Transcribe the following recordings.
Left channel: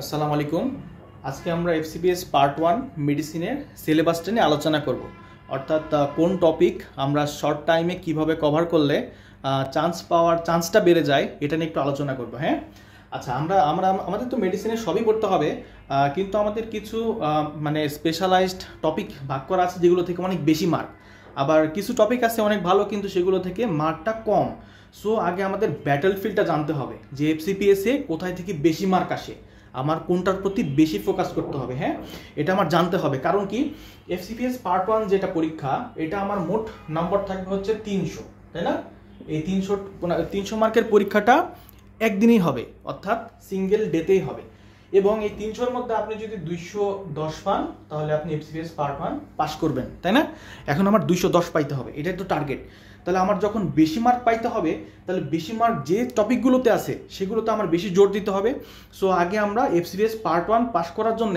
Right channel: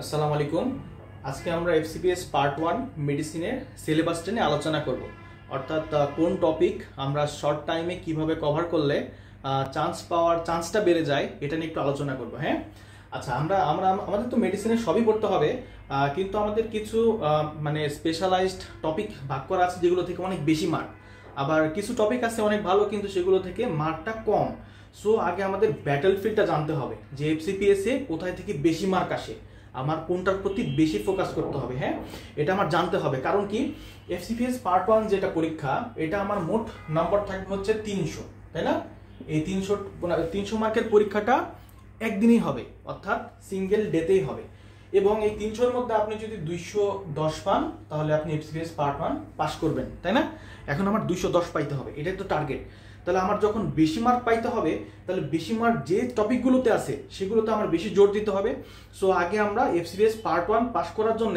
আসসালামু আলাইকুম। আজকে আমরা এফসিপিএস পার্ট 1 মেডিসিনের সিলেবাসটা নিয়ে আলোচনা করব। অর্থাৎ কোন টপিক আমরা শর্ট টাইমে কিভাবে কভার করলে চান্সটা বেড়ে যায় এটা নিয়ে একটু আলোচনা করব। হ্যাঁ, আচ্ছা, আমাদের তো মেডিসিনের সবই পড়তে হবে, কিন্তু আমাদের কিছু মানে স্পেশালাইজড টপিক ভাগ করা আছে যেগুলো থেকে অনেক বেশি মার্ক, আবার কিছু টপিক আছে অনেক ভালো কিন্তু সেগুলো থেকে মার্কটা কম। সো আগে আমাদের ব্যাটল ফিল্ডটা জানতে হবে যে এফসিপিএসে কোথায় থেকে বেশি মার্ক আসে, আমার কোনটার প্রতি বেশি ফোকাস করতে হবে। হ্যাঁ, এটা আমার জানতে হবে, কারণ কি এফসিপিএস পার্ট 1 যেটা পরীক্ষা, এটা আমার মোট নাম্বার থাকবে হচ্ছে 300, তাই না? এই 300 মার্কের পরীক্ষাটা একদিনই হবে, অর্থাৎ সিঙ্গেল ডেতেই হবে, এবং এই 300-র মধ্যে আপনি যদি 210 পান তাহলে আপনি এফসিপিএস পার্ট 1 পাস করবেন, তাই না? এখন আমার 210 পাইতে হবে, এটাই তো টার্গেট। তাহলে আমার যখন বেশি মার্ক পাইতে হবে, তাহলে বেশি মার্ক যে টপিকগুলোতে আছে সেগুলোতে আমার বেশি জোর দিতে হবে। সো আগে আমরা এফসিপিএস পার্ট 1 পাস করার জন্য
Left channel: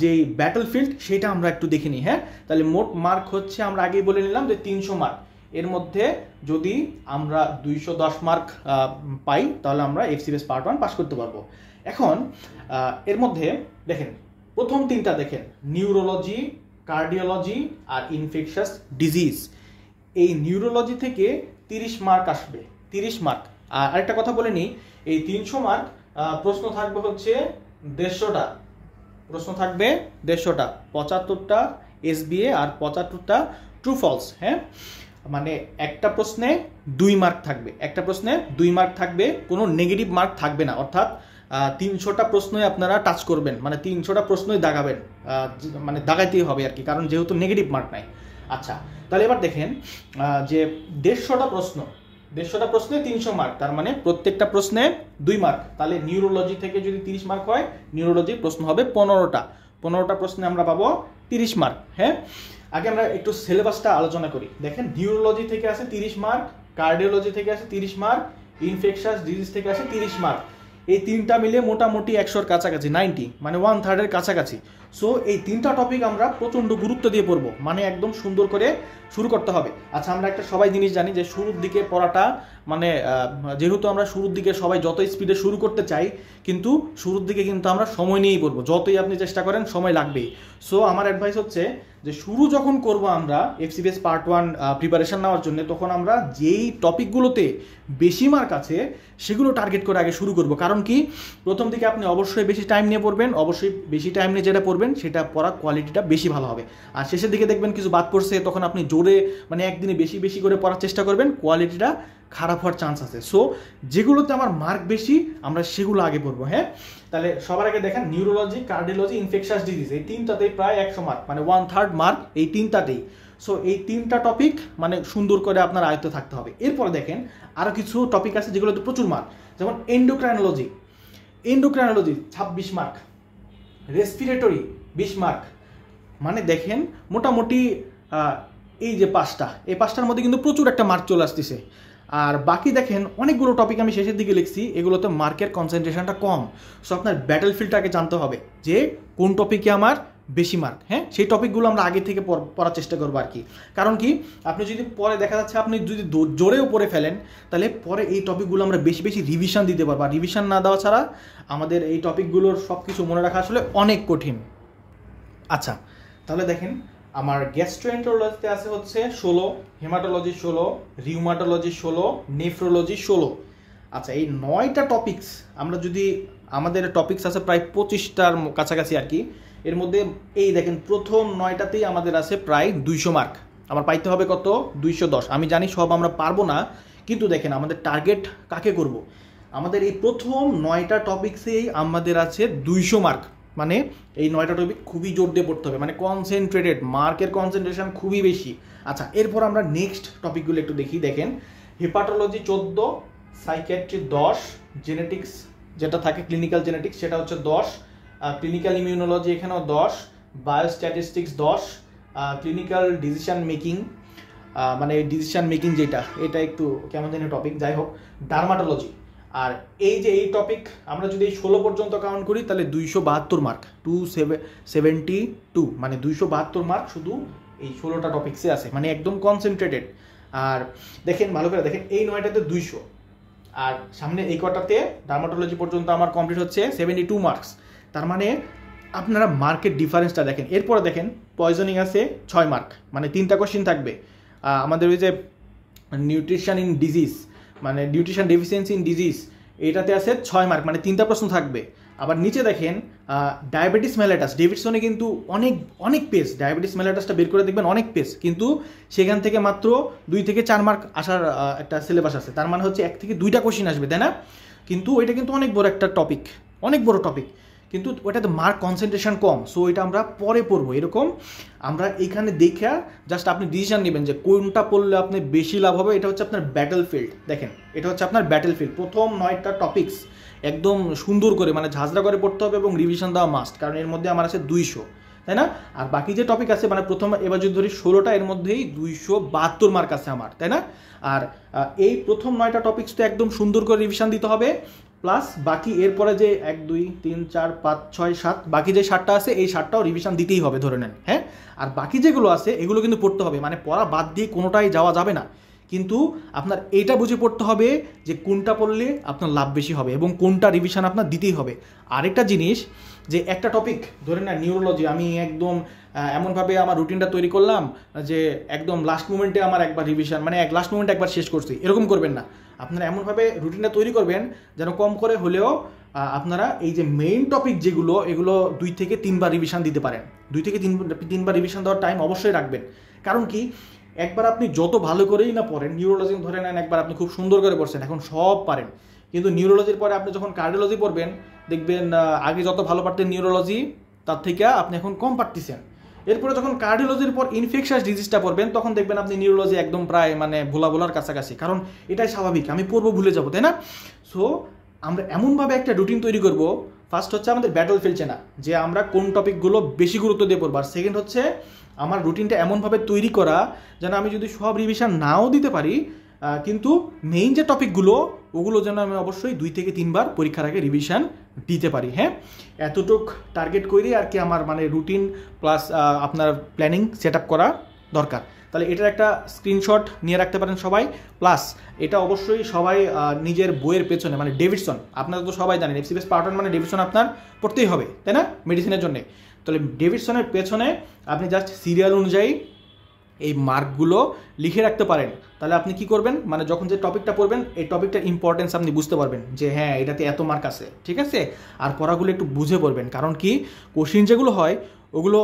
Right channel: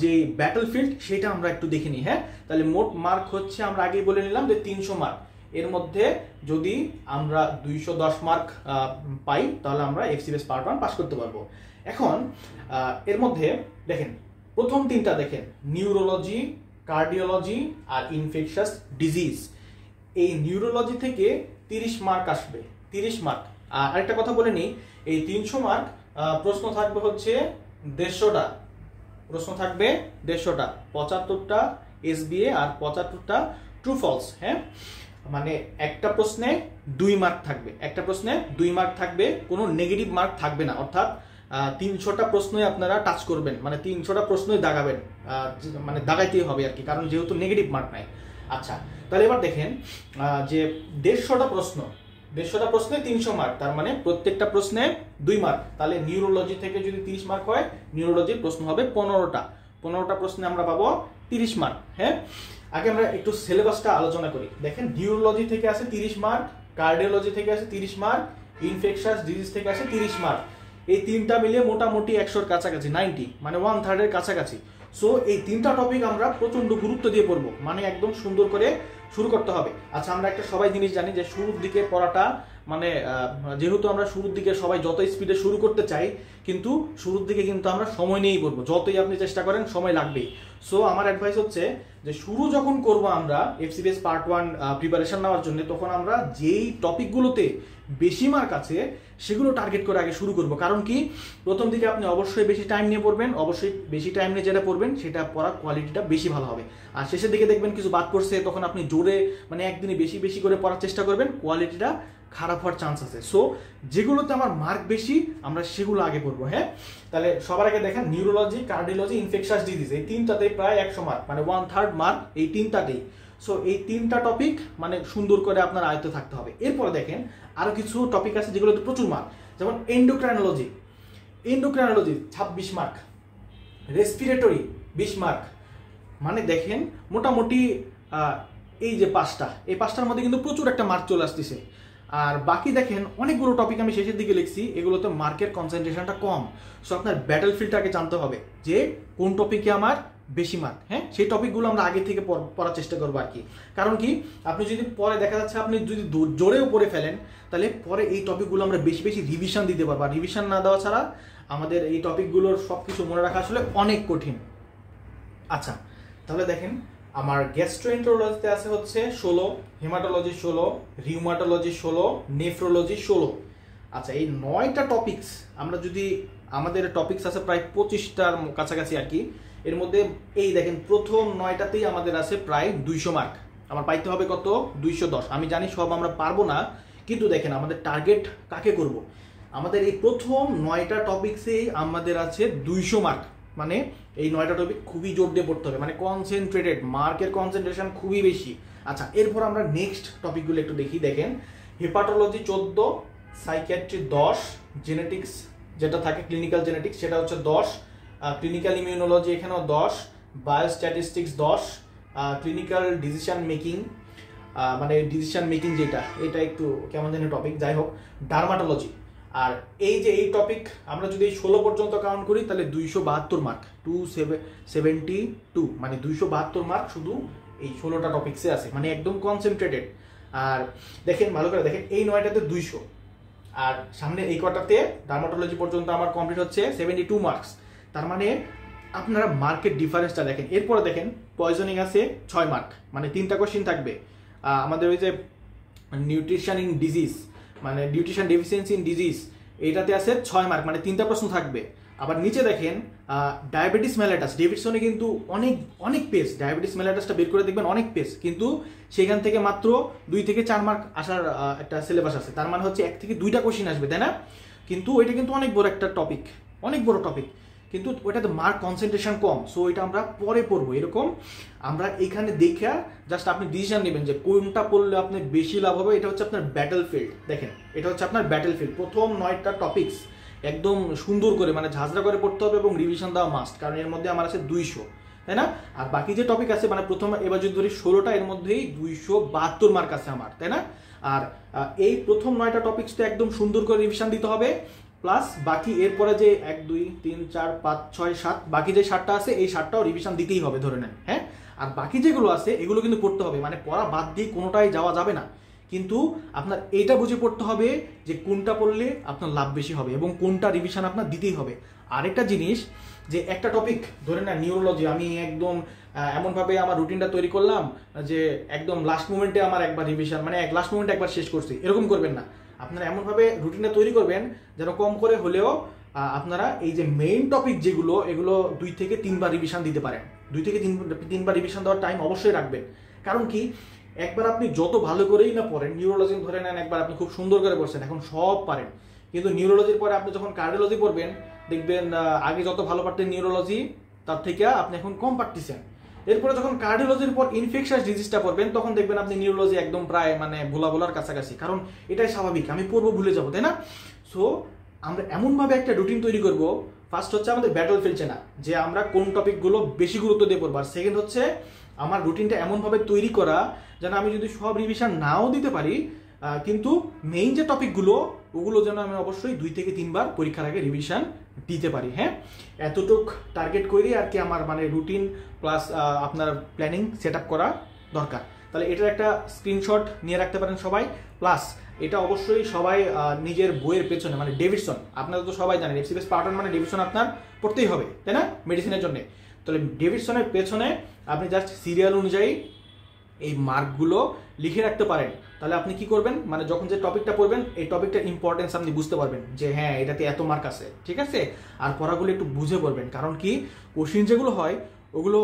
যে ব্যাটল ফিল্ড সেটা আমরা একটু দেখে নিই। হ্যাঁ, তাহলে মোট মার্ক হচ্ছে, আমরা আগেই বলে নিলাম যে 300 মার্ক, এর মধ্যে যদি আমরা 210 মার্ক পাই তাহলে আমরা এফসিপিএস পার্ট 1 পাস করতে পারবো। এখন এর মধ্যে দেখেন, প্রথম তিনটা দেখেন, নিউরোলজি, কার্ডিওলজি আর ইনফেকশাস ডিজিজ। এই নিউরোলজি থেকে 30 মার্ক আসবে, 30 মার্ক। আরেকটা কথা বলে নিই, এই 300 মার্ক প্রশ্ন থাকবে হচ্ছে 150টা, প্রশ্ন থাকবে 150টা, 75টা এসবিএ আর 75টা ট্রু ফলস। হ্যাঁ, মানে একটা প্রশ্নে 2 মার্ক থাকবে, একটা প্রশ্নে 2 মার্ক থাকবে, কোনো নেগেটিভ মার্ক থাকবে না। অর্থাৎ 300টা প্রশ্নই আপনারা টাচ করবেন, মানে 300টা প্রশ্নই দাগাবেন, মানে দাগাইতেই হবে আর কি, কারণ যেহেতু নেগেটিভ মার্ক নাই। আচ্ছা, তাহলে এবার দেখেন যে 150টা প্রশ্নে 300 মার্ক, তার মানে প্রত্যেকটা প্রশ্নে 2 মার্ক। তাহলে নিউরোলজি থেকে যদি 30 মার্ক হয়, নিউরোলজির প্রশ্ন হবে 15টা প্রশ্নে আমরা পাবো 30 মার্ক। হ্যাঁ, আগে আমরা একটু সিলেবাসটা আলোচনা করি। দেখেন, নিউরোলজি থেকে আসে 30 মার্ক, কার্ডিওলজি থেকে আসে 30 মার্ক, ইনফেকশাস ডিজিজ থেকে আসে 30 মার্ক। এই তিনটা মিলে মোটামুটি 100-র কাছাকাছি, 90, মানে 1/3-এর কাছাকাছি। সো এই তিনটা টপিক আমরা প্রচন্ড গুরুত্ব দিয়ে পড়বো, মানে একদম সুন্দর করে শুরু করতে হবে। আচ্ছা, আমরা একটা সবাই জিনিস জানি যে শুরুর দিকে পড়াটা, মানে যেহেতু আমরা শুরুর দিকে সবাই যত স্পিডে শুরু করতে চাই, কিন্তু শুরুর দিকে কিন্তু আমরা সময় নিয়েই পড়বো, যতই আপনি চেষ্টা করেন সময় লাগবেই। সো আমার অ্যাডভাইস হচ্ছে যে শুরু যখন করব আমরা এফসিপিএস পার্ট 1 প্রিপারেশন নেওয়ার জন্য, তখন আমরা যেই টপিকগুলোতে বেশি মার্ক আছে সেগুলো টার্গেট করে আগে শুরু করব। কারণ কি, প্রথম দিকে আপনি অবশ্যই বেশি টাইম নিয়ে পড়বেন, অবশ্যই বেশি টাইম নিয়ে যেটা পড়বেন সেটা পড়ার কোয়ালিটিটা বেশি ভালো হবে। আর শেষের দিকে দেখবেন কিছু বাদ পড়ছে, তখন আপনি জোরে, মানে একদিনে বেশি বেশি করে পড়ার চেষ্টা করবেন, কোয়ালিটিটা খারাপ হওয়ার চান্স আছে। সো যেগুলোতে আমার মার্ক বেশি আমরা সেগুলো আগে পড়বো। হ্যাঁ, তাহলে সবার আগে দেখেন, নিউরোলজি, কার্ডিওলজি, ইনফেকশাস ডিজিজ, এই তিনটাতেই প্রায় 100 মার্ক, মানে 1/3 মার্ক এই তিনটাতেই। সো এই তিনটা টপিক মানে সুন্দর করে আপনার আয়ত্তে থাকতে হবে। এরপরে দেখেন আরো কিছু টপিক আছে যেগুলোতে প্রচুর মার্ক, যেমন এন্ডোক্রাইনোলজি 26 মার্ক, রেসপিরেটরি 20 মার্ক। মানে দেখেন মোটামুটি এই যে এই পাঁচটার মধ্যে কিন্তু প্রচুর একটা মার্ক চলে আসতেছে। আর বাকি দেখেন অনেকগুলো টপিক আমি শেষের দিকে লিখছি, এগুলোতে মার্কের কনসেন্ট্রেশনটা কম। সো আপনার ব্যাটল ফিল্ডটাকে জানতে হবে যে কোন টপিকে আমার বেশি মার্ক। হ্যাঁ, সেই টপিকগুলো আমরা আগে থেকে পড়ার চেষ্টা করবো আর কি। কারণ কি, আপনি যদি পরে দেখা যাচ্ছে আপনি যদি জোরেও পড়ে ফেলেন, তাহলে পরে এই টপিকগুলো আমরা বেশি বেশি রিভিশন দিতে পারবো। আর রিভিশন না দেওয়া ছাড়া আমাদের এই টপিকগুলোর সব কিছু মনে রাখা আসলে অনেক কঠিন। আচ্ছা, তাহলে দেখেন আমার গ্যাস্ট্রোএন্টারোলজিতে আছে হচ্ছে 16, হেমাটোলজি 16, রিউমাটোলজি 16, নেফ্রোলজি 16। আচ্ছা, এই 9টা টপিকস আমরা যদি, আমাদের টপিকস আছে প্রায় 25টার কাছাকাছি আর কি। এর মধ্যে এই দেখেন প্রথম 9টাতেই আমাদের আছে প্রায় 200 মার্ক। আমার পাইতে হবে কত? 210। আমি জানি সব আমরা পারবো না, কিন্তু দেখেন আমাদের টার্গেট কাকে করব। আমাদের এই প্রথম 9টা টপিক্সেই আমাদের আছে 200 মার্ক, মানে এই 9টা টপিক খুবই জোর দিয়ে পড়তে হবে, মানে কনসেন্ট্রেটেড, মার্কের কনসেন্ট্রেশন খুবই বেশি। আচ্ছা, এরপর আমরা নেক্সট টপিকগুলো একটু দেখি। দেখেন, হেপাটোলজি 14, সাইকিয়াট্রি 10, জেনেটিক্স যেটা থাকে ক্লিনিক্যাল জেনেটিক্স সেটা হচ্ছে 10, ক্লিনিক্যাল ইমিউনোলজি এখানেও 10, বায়োস্ট্যাটিস্টিক্স 10, ক্লিনিক্যাল ডিসিশন মেকিং, মানে ডিসিশন মেকিং যেটা, এটা একটু কেমন জানি টপিক, যাই হোক, ডার্মাটোলজি। আর এই যে এই টপিক আমরা যদি 16 পর্যন্ত কাউন্ট করি তাহলে 272 মার্ক, 272, মানে 272 মার্ক শুধু এই 16টা টপিক্সে আছে, মানে একদম কনসেন্ট্রেটেড। আর দেখেন ভালো করে দেখেন, এই 9টাতে 200, আর সামনে এই কটাতে ডার্মাটোলজি পর্যন্ত আমার কমপ্লিট হচ্ছে 72 মার্কস। তার মানে আপনারা মার্কের ডিফারেন্সটা দেখেন। এরপরে দেখেন পয়জনিং আছে 6 মার্ক, মানে 3টা কোশ্চিন থাকবে। আমাদের ওই যে নিউট্রিশন ইন ডিজিজ, মানে নিউট্রিশন ডেফিসিয়েন্সি ইন ডিজিজ, এইটাতে আছে 6 মার্ক, মানে 3টা প্রশ্ন থাকবে। আবার নিচে দেখেন ডায়াবেটিস মেলাটাস, ডেভিডসনে কিন্তু অনেক অনেক পেজ, ডায়াবেটিস মেলাটাসটা বের করে দেখবেন অনেক পেজ, কিন্তু সেখান থেকে মাত্র 2 থেকে 4 মার্ক আসার একটা সিলেবাস আছে। তার মানে হচ্ছে 1 থেকে 2টা কোশ্চিন আসবে, তাই না? কিন্তু ওইটা কিন্তু অনেক বড় একটা টপিক, অনেক বড় টপিক, কিন্তু ওইটাতে মার্ক কনসেন্ট্রেশন কম। সো এটা আমরা পরে পড়বো। এরকম আমরা এখানে দেখে জাস্ট আপনি ডিসিশন নেবেন যে কোনটা পড়লে আপনি বেশি লাভ হবে। এটা হচ্ছে আপনার ব্যাটল ফিল্ড। দেখেন এটা হচ্ছে আপনার ব্যাটল ফিল্ড। প্রথম 9টা টপিকস একদম সুন্দর করে মানে ঝাঁঝরা করে পড়তে হবে এবং রিভিশন দেওয়া মাস্ট, কারণ এর মধ্যে আমার আছে 200, তাই না? আর বাকি যে টপিক আছে মানে প্রথম এবার যদি ধরি 16টা, এর মধ্যেই 272 মার্ক আছে আমার, তাই না? আর এই প্রথম 9টা টপিক্স তো একদম সুন্দর করে রিভিশন দিতে হবে, প্লাস বাকি এরপরে যে 1 2 3 4 5 6 7 বাকি যে 7টা আছে এই 7টাও রিভিশন দিতেই হবে ধরে নেন, হ্যাঁ? আর বাকি যেগুলো আছে এগুলো কিন্তু পড়তে হবে, মানে পড়া বাদ দিয়ে কোনোটাই যাওয়া যাবে না। কিন্তু আপনার এইটা বুঝে পড়তে হবে যে কোনটা পড়লে আপনার লাভ বেশি হবে এবং কোনটা রিভিশন আপনার দিতেই হবে। আরেকটা জিনিস যে একটা টপিক ধরেন না নিউরোলজি, আমি একদম এমনভাবে আমার রুটিনটা তৈরি করলাম যে একদম লাস্ট মোমেন্টে আমার একবার রিভিশন, মানে লাস্ট মোমেন্টে একবার শেষ করছি, এরকম করবেন না। আপনারা এমনভাবে রুটিনটা তৈরি করবেন যেন কম করে হলেও আপনারা এই যে মেইন টপিক যেগুলো এগুলো 2 থেকে 3 বার রিভিশন দিতে পারেন। 2 থেকে 3 বার রিভিশন দেওয়ার টাইম অবশ্যই রাখবেন। কারণ কি, একবার আপনি যত ভালো করেই না পড়েন, নিউরোলজি ধরে নেন একবার আপনি খুব সুন্দর করে পড়ছেন, এখন সব পারেন, কিন্তু নিউরোলজির পরে আপনি যখন কার্ডিওলজি পড়বেন দেখবেন আগে যত ভালো পারতেন নিউরোলজি তার থেকে আপনি এখন কম পারতেছেন। এরপরে যখন কার্ডিওলজির পর ইনফেকশাস ডিজিজটা পড়বেন তখন দেখবেন আপনি নিউরোলজি একদম প্রায় মানে ভোলার কাছাকাছি, কারণ এটাই স্বাভাবিক, আমি পড়বো ভুলে যাবো, তাই না? সো আমরা এমনভাবে একটা রুটিন তৈরি করব, ফার্স্ট হচ্ছে আমাদের ব্যাটল ফিল্ড চেনা, যে আমরা কোন টপিকগুলো বেশি গুরুত্ব দিয়ে পড়বো। আর সেকেন্ড হচ্ছে আমার রুটিনটা এমনভাবে তৈরি করা যেন আমি যদি সব রিভিশন নাও দিতে পারি, কিন্তু মেইন যে টপিকগুলো ওগুলো যেন আমি অবশ্যই 2 থেকে 3 বার পরীক্ষার আগে রিভিশন দিতে পারি, হ্যাঁ? এতটুক টার্গেট করে আর কি আমার মানে রুটিন প্লাস আপনার প্ল্যানিং সেট আপ করা দরকার। তাহলে এটার একটা স্ক্রিনশট নিয়ে রাখতে পারেন সবাই। প্লাস এটা অবশ্যই সবাই নিজের বইয়ের পেছনে, মানে ডেভিডসন আপনারা তো সবাই জানেন এফসিপিএস পার্ট 1 মানে ডেভিডসন আপনার পড়তেই হবে, তাই না, মেডিসিনের জন্য। তাহলে ডেভিডসনের পেছনে আপনি জাস্ট সিরিয়াল অনুযায়ী এই মার্কগুলো লিখে রাখতে পারেন। তাহলে আপনি কি করবেন, মানে যখন যে টপিকটা পড়বেন এই টপিকটার ইম্পর্টেন্স আপনি বুঝতে পারবেন যে হ্যাঁ এটাতে এত মার্ক আছে, ঠিক আছে? আর পড়াগুলো একটু বুঝে পড়বেন, কারণ কি কোশ্চিন যেগুলো হয় ওগুলো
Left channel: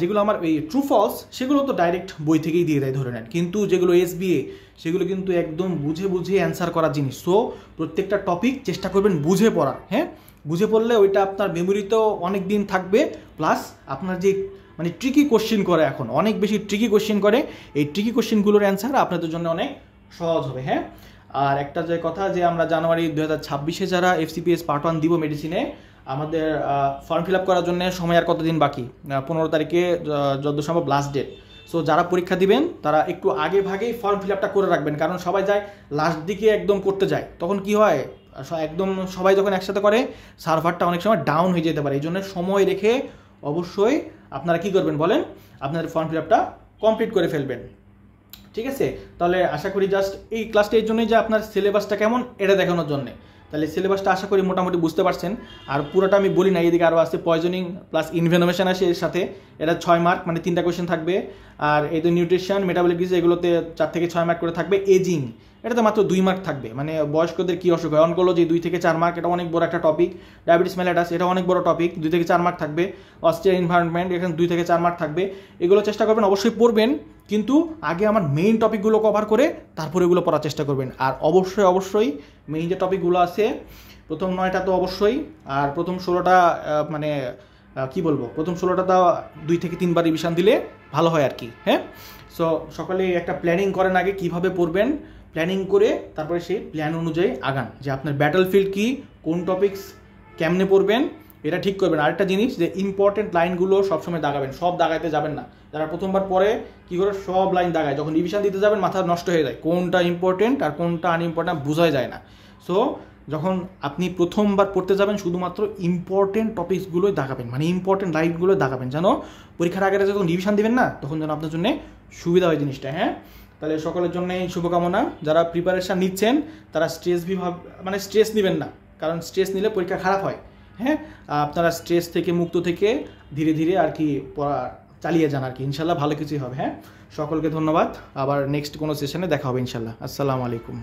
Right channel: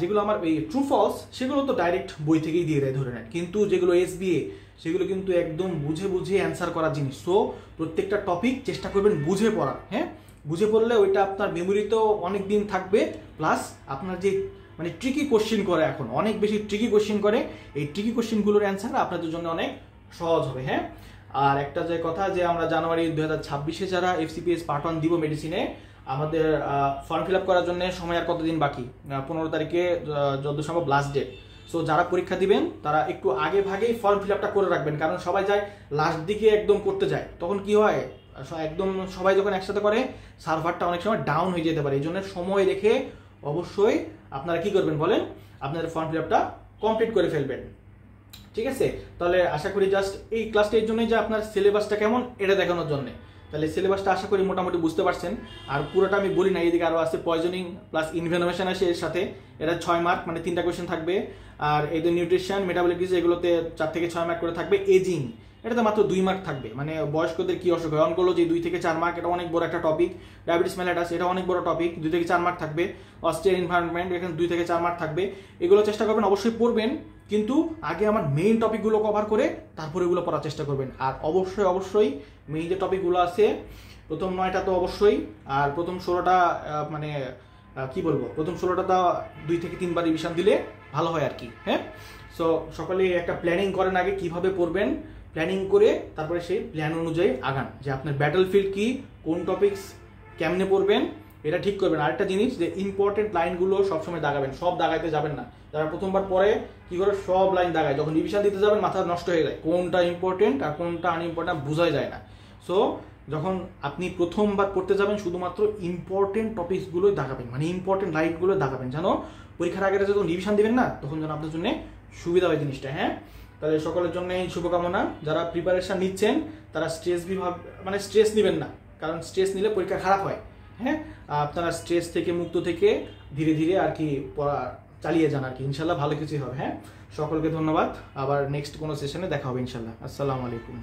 যেগুলো আমার এই ট্রু ফলস সেগুলো তো ডাইরেক্ট বই থেকেই দিয়ে দেয় ধরে নেন, কিন্তু যেগুলো এসবিএ সেগুলো কিন্তু একদম বুঝে বুঝে অ্যান্সার করার জিনিস। সো প্রত্যেকটা টপিক চেষ্টা করবেন বুঝে পড়া, হ্যাঁ? বুঝে পড়লে ওইটা আপনার মেমোরিতেও অনেক দিন থাকবে, প্লাস আপনার যে মানে ট্রিকি কোশ্চেন করে, এখন অনেক বেশি ট্রিকি কোশ্চেন করে, এই ট্রিকি কোশ্চেনগুলোর অ্যান্সার আপনাদের জন্য অনেক সহজ হবে, হ্যাঁ? আর একটা যে কথা যে আমরা জানুয়ারি 2026-এ যারা এফসিপিএস পার্ট 1 দিব মেডিসিনে, আমাদের ফর্ম ফিল আপ করার জন্য সময় আর কতদিন বাকি, 15 তারিখে যত সম্ভব লাস্ট ডেট। সো যারা পরীক্ষা দিবেন তারা একটু আগে ভাগেই ফর্ম ফিল আপটা করে রাখবেন, কারণ সবাই যায় লাস্ট দিকে একদম করতে যায়, তখন কি হয় একদম সবাই যখন একসাথে করে সার্ভারটা অনেক সময় ডাউন হয়ে যেতে পারে। এই জন্য সময় রেখে অবশ্যই আপনারা কি করবেন বলেন, আপনাদের ফর্ম ফিল আপটা কমপ্লিট করে ফেলবেন, ঠিক আছে? তাহলে আশা করি জাস্ট এই ক্লাসটা এর জন্যই যে আপনার সিলেবাসটা কেমন এটা দেখানোর জন্য। তাহলে সিলেবাসটা আশা করি মোটামুটি বুঝতে পারছেন। আর পুরোটা আমি বলি না, এইদিকে আরও আছে পয়জনিং প্লাস ইনভেনোভেশন আছে এর সাথে, এটা 6 মার্ক, মানে 3টা কোয়েশ্চেন থাকবে। আর এই তো নিউট্রিশন মেটাবলিক ডিজিজ এগুলোতে 4 থেকে 6 মার্ক করে থাকবে। এজিং এটাতে মাত্র 2 মার্ক থাকবে, মানে বয়স্কদের কী অসুখ হয়, অনকোলজি 2 থেকে 4 মার্ক, এটা অনেক বড় একটা টপিক। ডায়াবেটিস মেলাটাস এটা অনেক বড় টপিক, 2 থেকে 4 মার্ক থাকবে। অস্ট্রিয়ান এনভায়রনমেন্ট এখানে 2 থেকে 4 মার্ক থাকবে। এগুলো চেষ্টা করবেন অবশ্যই পড়বেন, কিন্তু আগে আমার মেইন টপিকগুলো কভার করে তারপরে এগুলো পড়ার চেষ্টা করবেন। আর অবশ্যই মেইন যে টপিকগুলো আছে প্রথম 9টা তো অবশ্যই, আর প্রথম 16টা মানে কি বলবো, প্রথম 16টা 2 থেকে 3 বার রিভিশন দিলে ভালো হয় আর কি, হ্যাঁ? সো সকলে একটা প্ল্যানিং করেন আগে কিভাবে পড়বেন, প্ল্যানিং করে তারপরে সেই প্ল্যান অনুযায়ী আগান, যে আপনার ব্যাটল ফিল্ড কি, কোন টপিকস কেমনে পড়বেন এটা ঠিক করবেন। আরেকটা জিনিস যে ইম্পর্টেন্ট লাইনগুলো সবসময় দাগাবেন, সব দাগাইতে যাবেন না। যারা প্রথমবার পরে কি করে সব লাইন দাগায়, যখন রিভিশন দিতে যাবেন মাথা নষ্ট হয়ে যায়, কোনটা ইম্পর্টেন্ট আর কোনটা আনইম্পর্টেন্ট বোঝাই যায় না। সো যখন আপনি প্রথমবার পড়তে যাবেন শুধুমাত্র ইম্পর্টেন্ট টপিকসগুলোই দাগাবেন, মানে ইম্পর্টেন্ট লাইনগুলো দাগাবেন, যেন পরীক্ষার আগে যখন রিভিশন দিবেন না তখন যেন আপনার জন্য সুবিধা হয় জিনিসটা, হ্যাঁ? তাহলে সকলের জন্যই শুভকামনা। যারা প্রিপারেশন নিচ্ছেন তারা স্ট্রেস নেবেন না, কারণ স্ট্রেস নিলে পরীক্ষা খারাপ হয়। হ্যাঁ, আপনারা স্ট্রেস থেকে মুক্ত থেকে ধীরে ধীরে আর কি পড়া চালিয়ে যান আর কি, ইনশাল্লাহ ভালো কিছুই হবে। হ্যাঁ, সকলকে ধন্যবাদ। আবার নেক্সট কোনো সেশনে দেখা হবে ইনশাল্লাহ। আসসালামু আলাইকুম।